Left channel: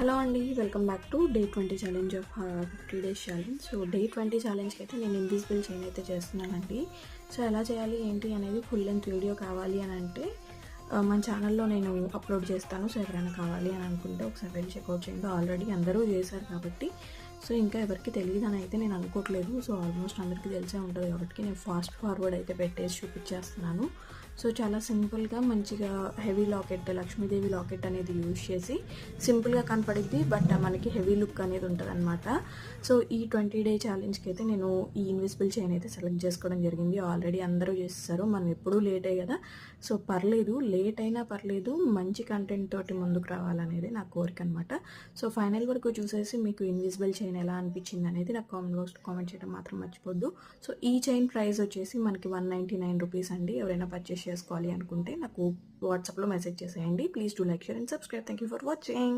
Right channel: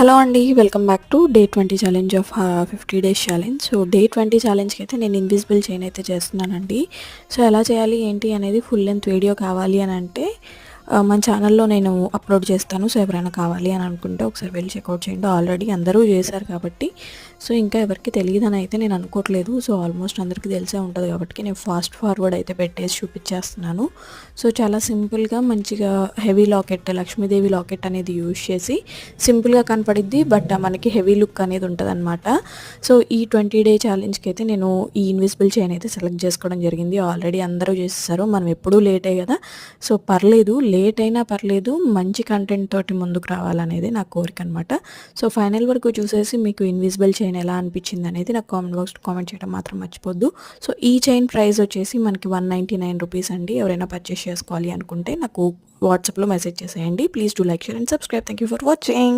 Hello అండి. Welcome back to day 20 challenge of 50 days challenge. So day 20 ఛాలెంజ్కి అయితే నేను invisible chain అయితే చేస్తున్నానండి. సో ఎలా చేయాలి ఏంటి అనేది ఫుల్ లెంత్ వీడియో కావాలి అని అంటే మన ఛానల్లో నేను అప్లోడ్ చేస్తాను. సో ఎవరైనా కావాలి అని అనుకుంటే ఒకసారి వెళ్ళి చెక్అవుట్ చేయండి. ఆల్రెడీ అందరూ చేశారు కాబట్టి సో ఇంకా ఎవరికి తెలియదని అయితే నేను అనుకోవట్లేదు. సో ఆల్మోస్ట్ అందరికీ తెలిసే ఉంటుంది కాబట్టి నేను ఫాస్ట్ ఫార్వర్డ్ అయితే పెట్టేసి చూపించేస్తున్నాను. సో చాలా సింపుల్గా మంచిగా హెవీ లాకెట్, లక్ష్మీదేవి లాకెట్ అనేది యూజ్ చేసి సింపుల్గా కనపడిద్ది, బట్ మనకి హెవీ లుక్ అనేది ఉంటుంది అనమాట. సో ఈ 20 డే ఛాలెంజ్కి అయితే నేను ఈ ఇన్విజిబుల్ చైన్ అయితే సెలెక్ట్ చేసుకోవడం జరిగింది. ఆల్రెడీ అందరూ చేసేసారు, మనం ఎప్పుడూ లేటే కదా. సో పర్లేదు, లేట్ అయినా పర్లేదు, మంచి కంటెంట్ తోటి ముందుకు రావాలనేది నా కోరిక అనమాట. సో ఫైనల్ వరకు చూసేసి మీకు ఇన్విజిబుల్ చైన్ ఎలా అనిపించింది అనేది నాకు కామెంట్ బాక్స్లో కామెంట్ చేయడం మాత్రం మర్చిపోద్దు. సో ఈ చైన్ ప్రైస్ వచ్చేసి మనకి 199 రూపీస్ అండి. ఎవరైనా పర్చేస్ చేసుకోవాలి అనుకుంటే నాకు వాట్సాప్లో మెసేజ్ చేసేయండి. Please do like, share and subscribe. Thank you for watching.